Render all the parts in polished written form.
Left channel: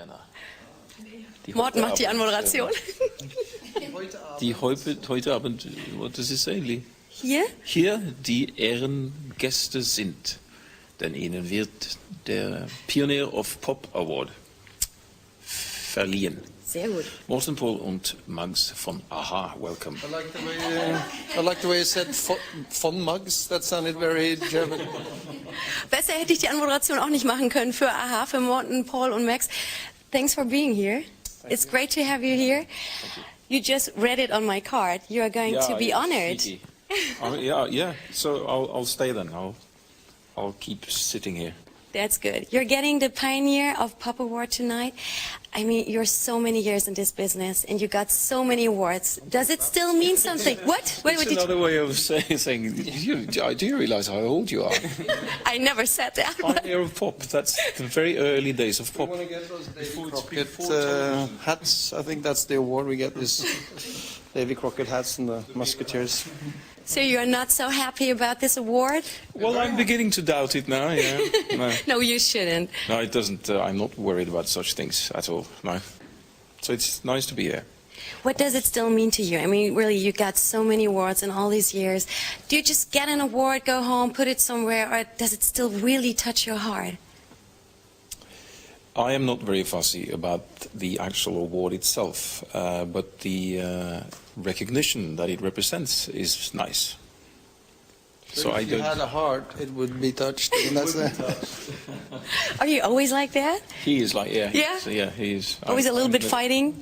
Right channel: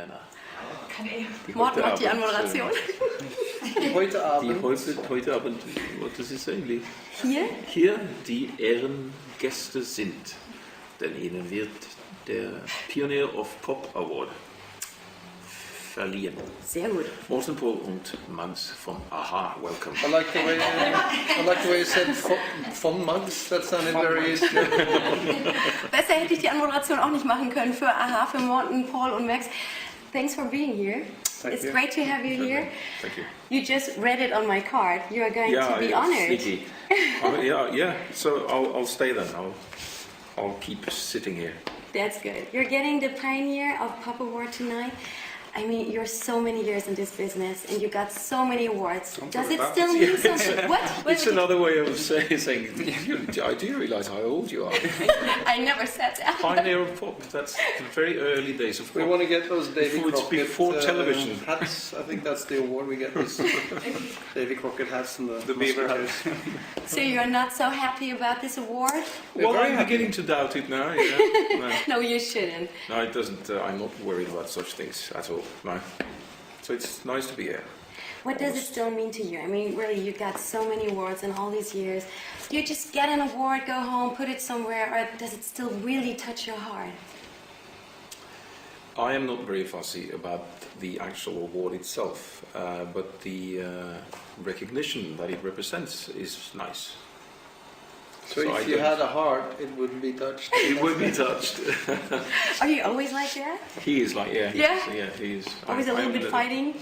Männer. Morten macht die Anmoderation. Die heute Abend, what does it say? Hier? Hier die Ehrengäste sind, denn ihnen wird der Pioneer of Pop Award verliehen. Sehr gut. Morten, Pål und Mags von Aha, welcome. I like the way you said von Mags. That sounded very German. Besser hätte ich die Anmoderation auch nicht machen können für Aha, für Morten, Pål und Max. Thanks for being here. It's great to have you here. Thank you. You just read it on my card. You are going to be honored. Yeah. So I'll stay then. I'll keep sitting here. That's good. You're getting the Pioneer of Pop Award tonight. I mean, you're so many years in this business, and you got so many awards. Does it still mean something? What? It's another way of saying, do you realize how old you are? I never said that. Pioneer of Pop, that's the very early days of pop. We want to get those Davy before Crockett television. hats. I think that's the award we get, is Davy Crockett hats and the musketeers. So you're not so happy about this award? Well, I'm beginning to doubt it now, yeah. No, you shouldn't. No, it doesn't. I'm not worried about such things at all. No. So it's nice to be here. What does it still mean to you? I mean, really, you got so many awards in all these years. Do you just get an award, go home, put it somewhere, or does it still really touch your heart? I am not very fussy about the actual award itself, but the recognition that it represents is nice. So if you had a heart, it would be touched. It would be touched. Are you always like that? He is like, yeah. Yeah? Yeah, he is. Always a little bit fighting?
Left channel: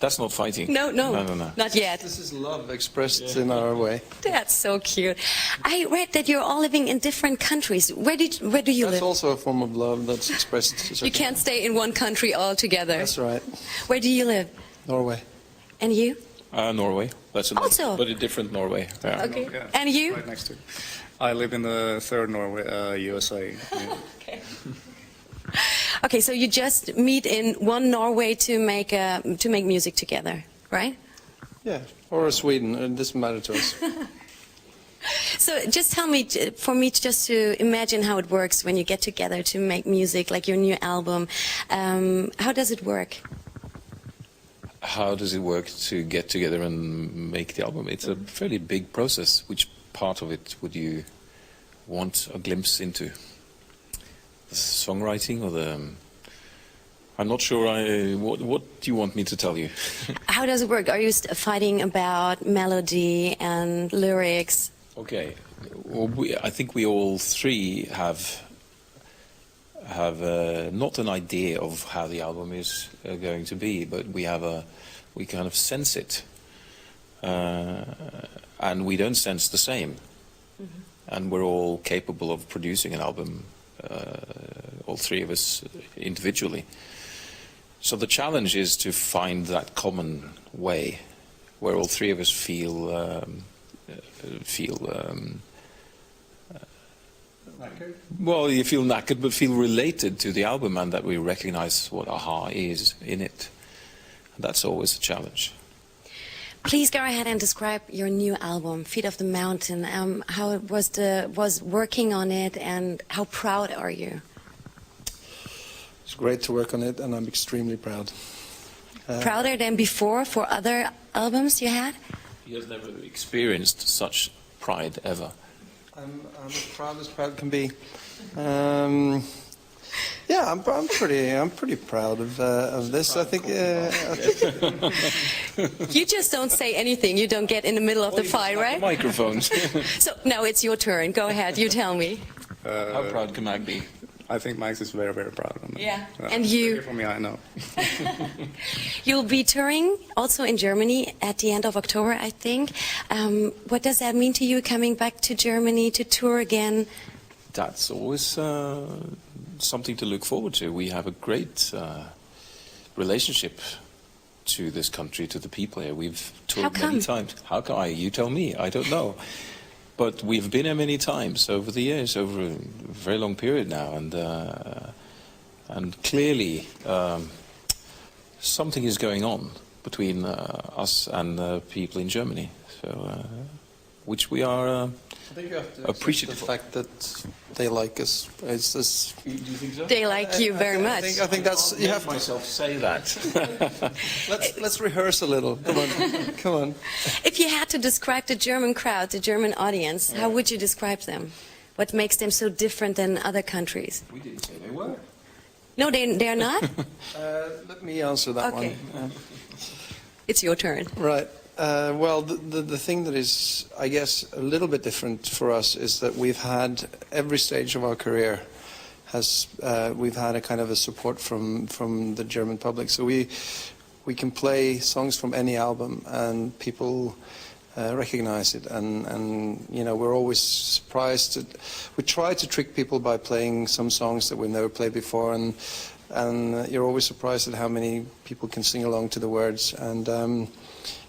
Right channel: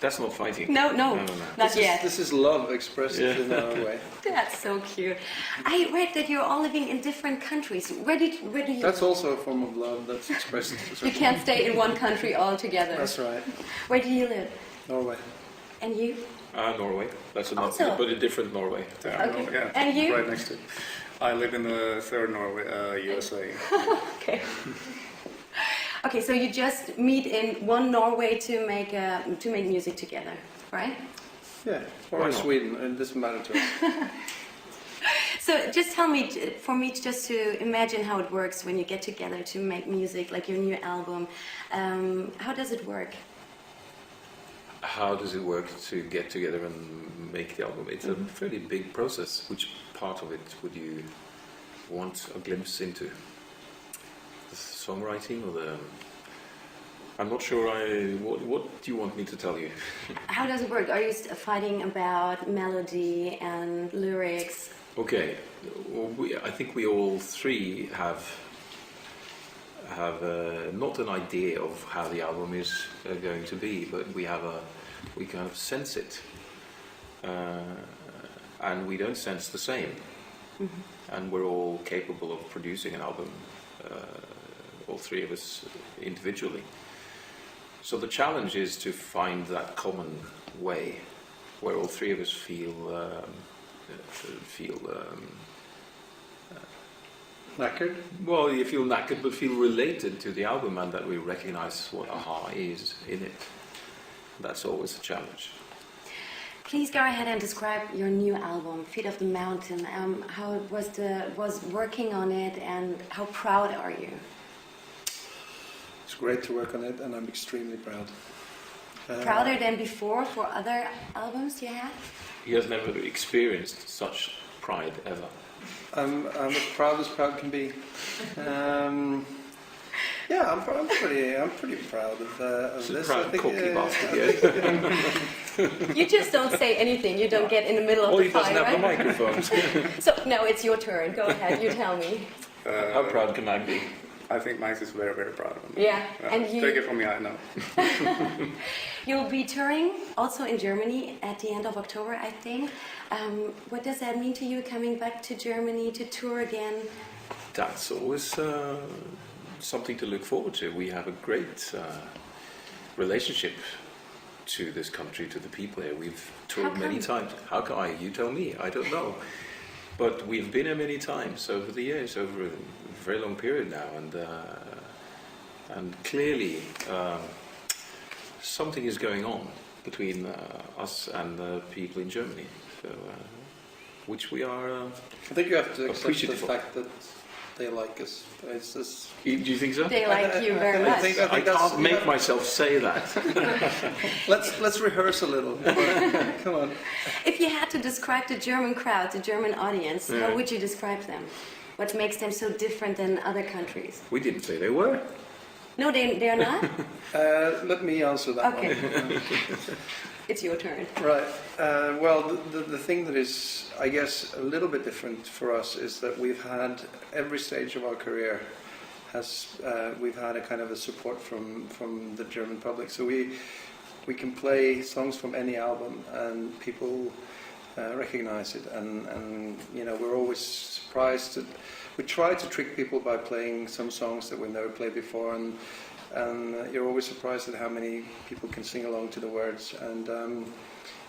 That's not fighting. No. Not yet. This is love expressed in our way. That's so cute. I read that you're all living in different countries. Where do you live? That's also a form of love that's expressed. You can't stay in one country altogether. That's right. Where do you live? Norway. And you? Norway. That's Also? but a different Norway. Yeah. Okay. Yeah, And you? right next to it. I live in the third Norway, USA. Okay. Okay, so you just meet in one Norway to make music together, right? Yeah, or Sweden. It doesn't matter to us. So just tell me, for me just to imagine how it works when you get together to make music, like your new album. How does it work? How does it work to get together and make the album? It's a fairly big process. Which part of it would you want a glimpse into? The songwriting or the... I'm not sure what do you want me to tell you? How does it work? Are you fighting about melody and lyrics? Okay. Well, I think we all three have not an idea of how the album is going to be, but we kind of sense it, and we don't sense the same. And we're all capable of producing an album, all three of us individually. So the challenge is to find that common way where all three of us feel Knackered? well, you feel knackered, but feel related to the album, and that we recognize what Aha is in it. That's always a challenge. Please go ahead and describe your new album, Feet of the Mountain. How it was working on it, and how proud are you? It's great to work on it, and I'm extremely proud. Prouder than before for other albums you had? He has never experienced such pride ever. I'm as proud as proud can be. Yeah, I'm pretty proud of this. I think. You just don't say anything. You don't get in the middle of the fight, right? Microphones. So no, it's your turn. Go ahead. You tell me. How proud can I be? I think Max is very, very proud of me. Yeah, and you... Take it from me, I know. You'll be touring also in Germany at the end of October, I think. What does that mean to you, coming back to Germany to tour again? That's always something to look forward to. We have a great relationship to this country, to the people here. We've toured many times. How come? You tell me. I don't know. But we've been here many times over the years, over a very long period now, and clearly something is going on between us and the people in Germany. So which we are I think you have to accept the appreciative. fact that they like us. It's this. Do you think so? They like you very much. I think that's. can't You make have to, myself say that. let's rehearse a little. Come on. Come on. If you had to describe the German crowd, the German audience, how would you describe them? What makes them so different than other countries? We didn't say they were. No, they're not? Let me answer that Okay. one. It's your turn. Right. Well, the thing that is, I guess, a little bit different for us is that we've had every stage of our career we've had a kind of a support from the German public. So we can play songs from any album and people recognize it, and you know, we're always surprised. We try to trick people by playing some songs that we've never played before, and you're always surprised at how many people can sing along to the words. And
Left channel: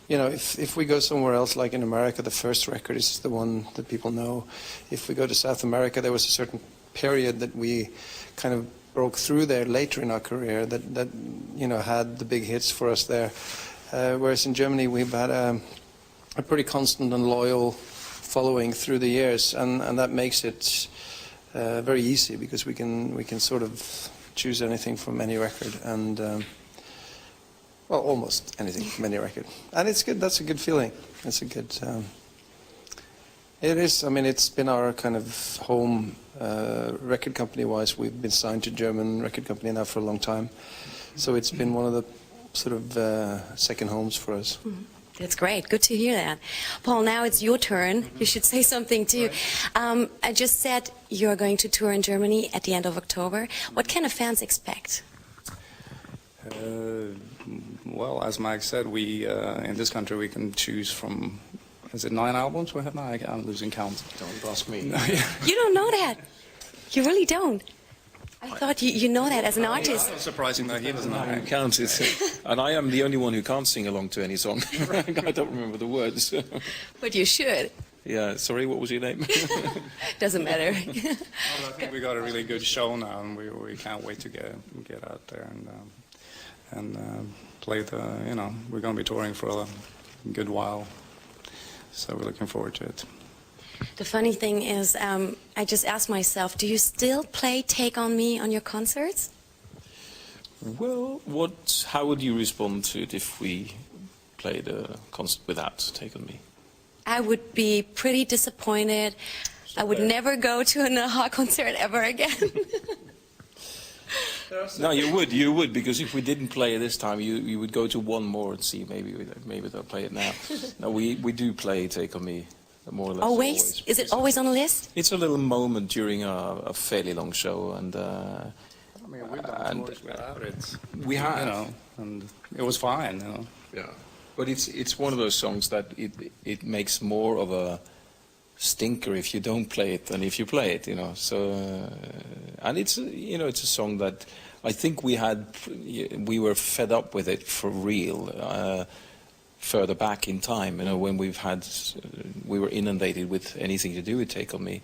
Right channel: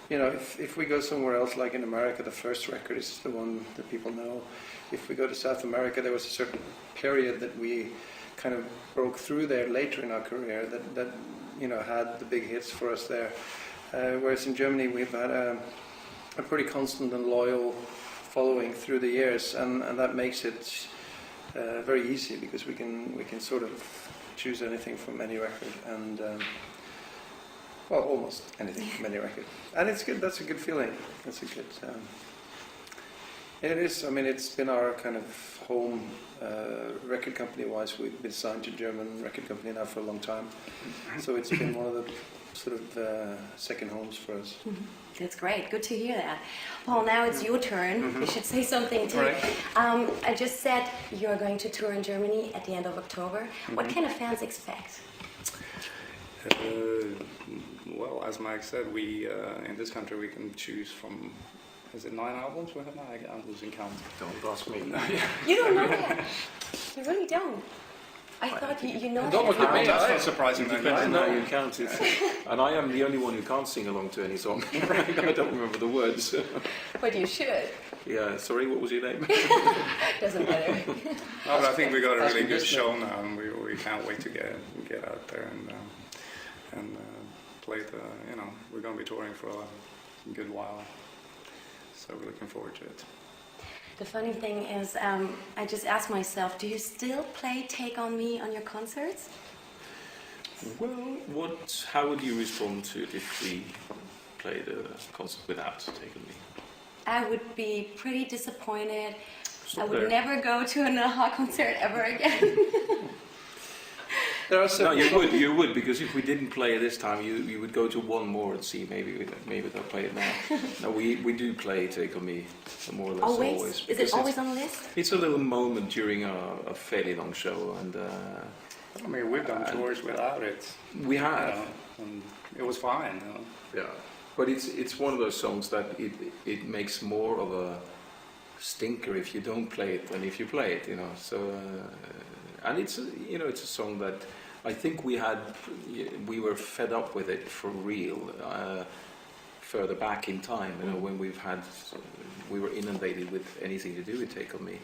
you know, if we go somewhere else, like in America, the first record is the one that people know. If we go to South America, there was a certain period that we kind of broke through there later in our career that you know, had the big hits for us there. Whereas in Germany, we've had a pretty constant and loyal following through the years, and that makes it very easy, because we can sort of choose anything from any record, and well, almost anything from any record, and it's good. That's a good feeling. It's a good. It is. I mean, it's been our kind of home record company-wise. We've been signed to German record company now for a long time, so it's been one of the sort of second homes for us. That's great. Good to hear that. Paul, now it's your turn. You should say something too. I just said you're going to tour in Germany at the end of October. What can a fans expect? Well, as Mike said, we in this country we can choose from. Is it 9 albums we have now? I'm losing count. Don't ask me. You don't know that. You really don't. I thought you know that as an artist. It's surprising that I know you can't. And I am the only one who can't sing along to any song. I don't remember the words. But you should. Yeah, sorry, what was your name? Doesn't matter. But I think we got a really good show now, and we can't wait to get out there and play the. You know, we're going to be touring for a good while, so we're looking forward to it. The funny thing is, I just asked myself, do you still play Take On Me on your concerts? Well, how would you respond to it if we played a concert without Take On Me? I would be pretty disappointed. I would never go to an AHA concert ever again. No, you would, because if we didn't play it this time, you would go to one more and see maybe they'll play it now. No, we do play Take On Me, more or less always. Is it always on the list? It's a little moment during a fairly long show, and I mean, we've done tours without it. we have. You know, and it was fine. You know. Yeah, but it's one of those songs that it makes more of a stinker if you don't play it than if you play it. You know, so and it's it's a song that I think we were fed up with it for real further back in time. You know, when we were inundated with anything to do with Take On Me.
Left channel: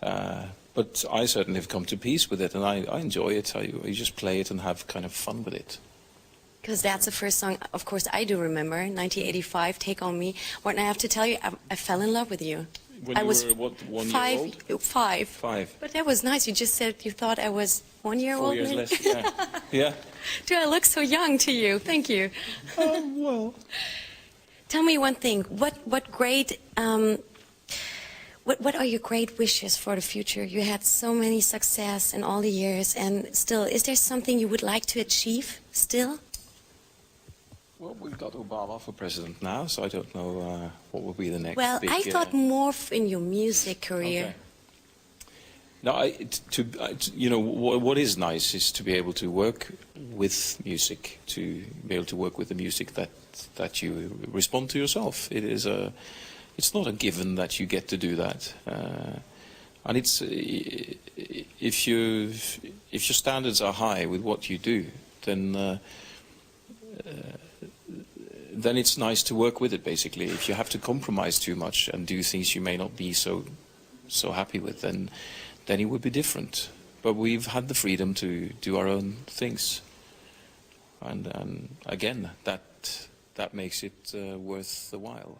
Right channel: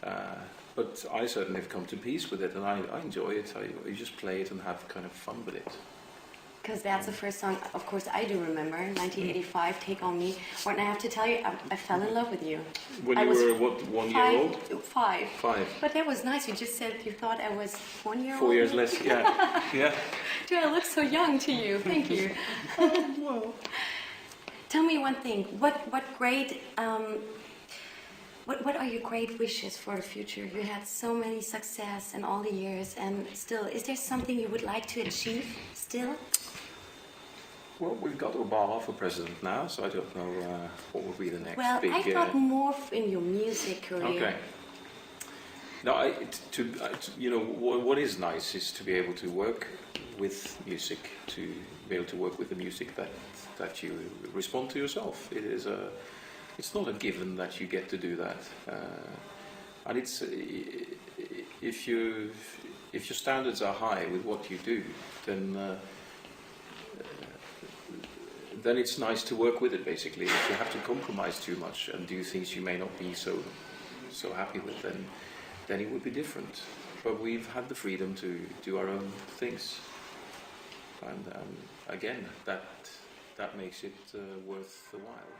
But I certainly have come to peace with it, and I enjoy it. I just play it and have kind of fun with it. Because that's the first song, of course, I do remember, 1985, Take On Me. Morten, I have to tell you, I fell in love with you. When you were, what, 1 year old? Five. 5. But that was nice. You just said you thought I was 1 year 4 old. years less, yeah. Yeah. Do I look so young to you? Thank you. Well. Tell me one thing. What are your great wishes for the future? You had so many success in all the years, and still, is there something you would like to achieve still? Well, we've got Obama for president now, so I don't know what will be the next Well, big... I thought more in your music career. Okay. No, what is nice is to be able to work with music, to be able to work with the music that you respond to yourself. It's not a given that you get to do that, and it's if your standards are high with what you do, then it's nice to work with it. Basically, if you have to compromise too much and do things you may not be so happy with, then it would be different. But we've had the freedom to do our own things, and again, that makes it worth the while.